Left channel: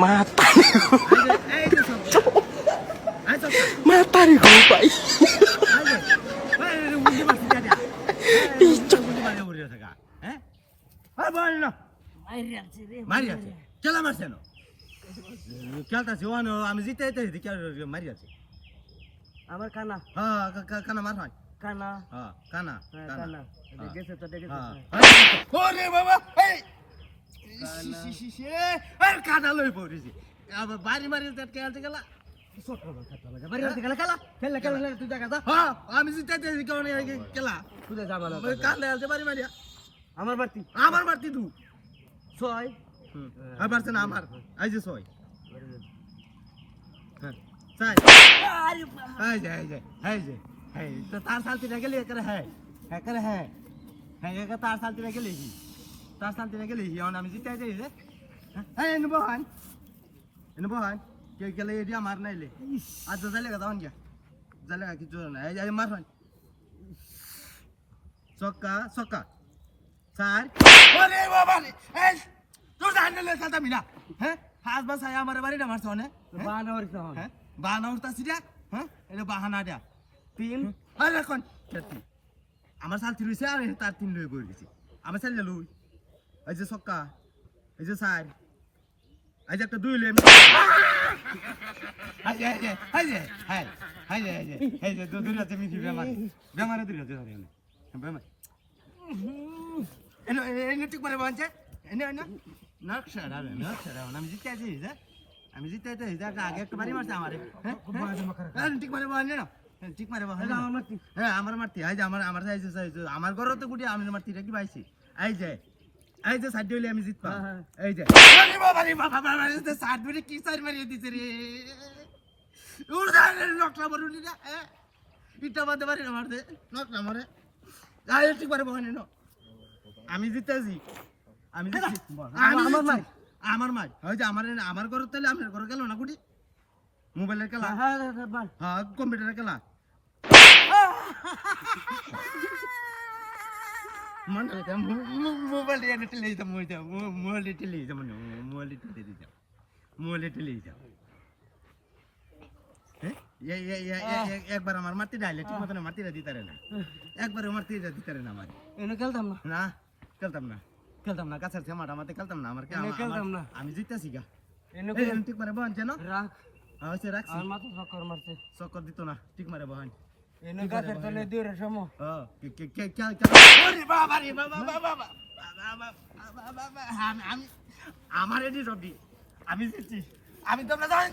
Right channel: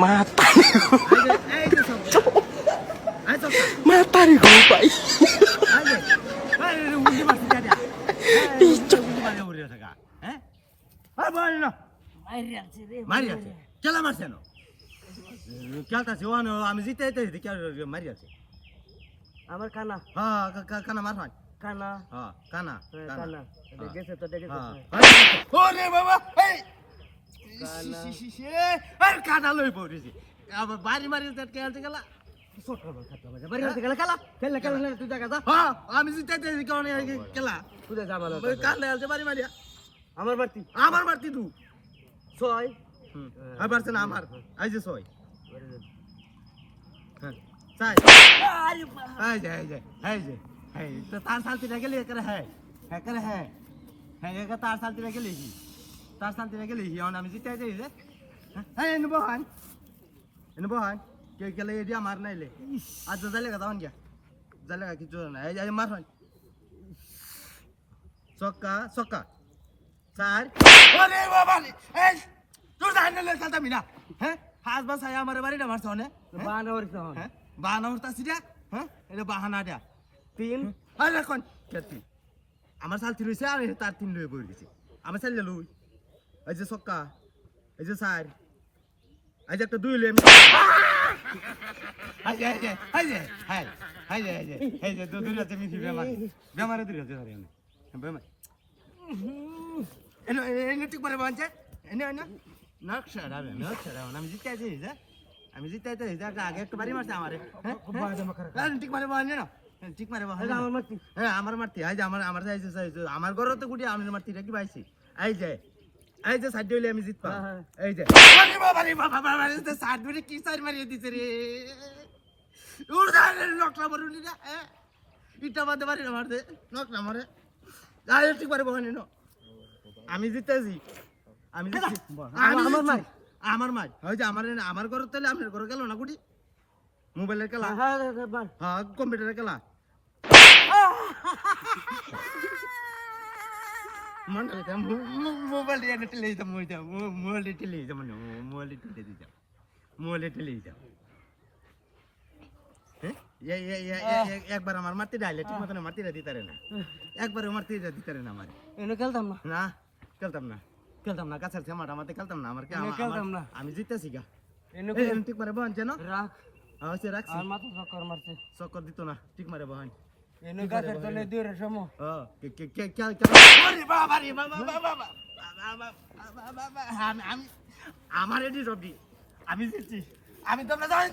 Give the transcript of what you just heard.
Matahari. Matahari gue pak. Icok. Maria, ¿qué la Marciano? ¿Qué alta se van a visita de que Maria? আমার কানা কানা মারহান কানা কানা কানা দেখেছে তো দেখেছে ওরে বাবা এই আর কানা লই পড়েছি আবার বাড়ি মারি কে আছে গেলা ছোট বড় খাতা বাড়ি আছে গেলা কালা খেললে খেললে তুই দেখা যা আমি জিতাইতে কোন খেলা তুই যা বলা কালে আছে বাড়ি মারিয়া আমার মারতি তুই ছয় আবার না আমার আই যে ছয় হ্যাঁ চাই हाय तो तार साल तेरे के लिए करे है ये का तार साल तेरे के लिए और नाम जीते जाए है इन बहन के लिए दिया मारना ले आज चलेगा तो क्या चलेगा कि जो ना ये मार सोका चार अरे बाबा ए तू जाने ले चलता मिला है हाथ बस आया हमारे बारी ना मार सोने বাহানা উঠতাছি রে হ্যাঁ এটা বাহানা দা তিন আরে এখন কেতি আমার সাল তিরইছে আর তার তিন লই বই গেছে আমার সাল লই এই যে সক্কা এই যে সার এই যে একটা দুই লই হাই দুই রাতে মিছি বেমারে দুই রাতে বেমারে এনে ঠিক করে বানছে এনে নকশা আমি জিতে আছি আমি জিতাইতে আগে একটা বাড়ি মারছে আমারে হ্যাঁ ঠিক মারে বলে না ঠিক মারে বলে আমার মারতি এই যে আমার ঘরে তো গুটি আমি মারতি নাকি পাইছি এই যে সাইড হইলে আমি জিতবা এই যে বাবা এই সাইড ধরে কি সাইড মারিয়ে দিছে রে উড়দালে নকলা মারুনি না ইটা বাদে বাড়ি না মারতে নকলা মারে আই ঠিক মারে বলে না আমি জিতেছি আমি আমার মাছ হয় যে আমার ঘর তাহলে আপনার ঘরে গেল না গুটি মোবাইলের খেলা হ্যাঁ কম্পিউটারের খেলা মোবাইল দিয়ে টেলে দিতাম মোবাইল দিয়ে টেলে দিতাম একবার আমার মারতে ডাইলে ঠিক মতন মারতে দিতে না একবার মারতে দিতে না আমার এনে খেলতাম না খেলতাম না কাছের মাঠা মাঠে খেলতাম না আমার খেলতাম না আমি জিতেছি গা ঠিক মারে বহান কেন রাখছি আমার মাথা চক্কর মারছে চক্কর দিত না ঠিক মারে বহান এনে গাছের তলে দৌড়ে সময় আমার এটি সবজি আমি জিতছি আমি তোমরা জানি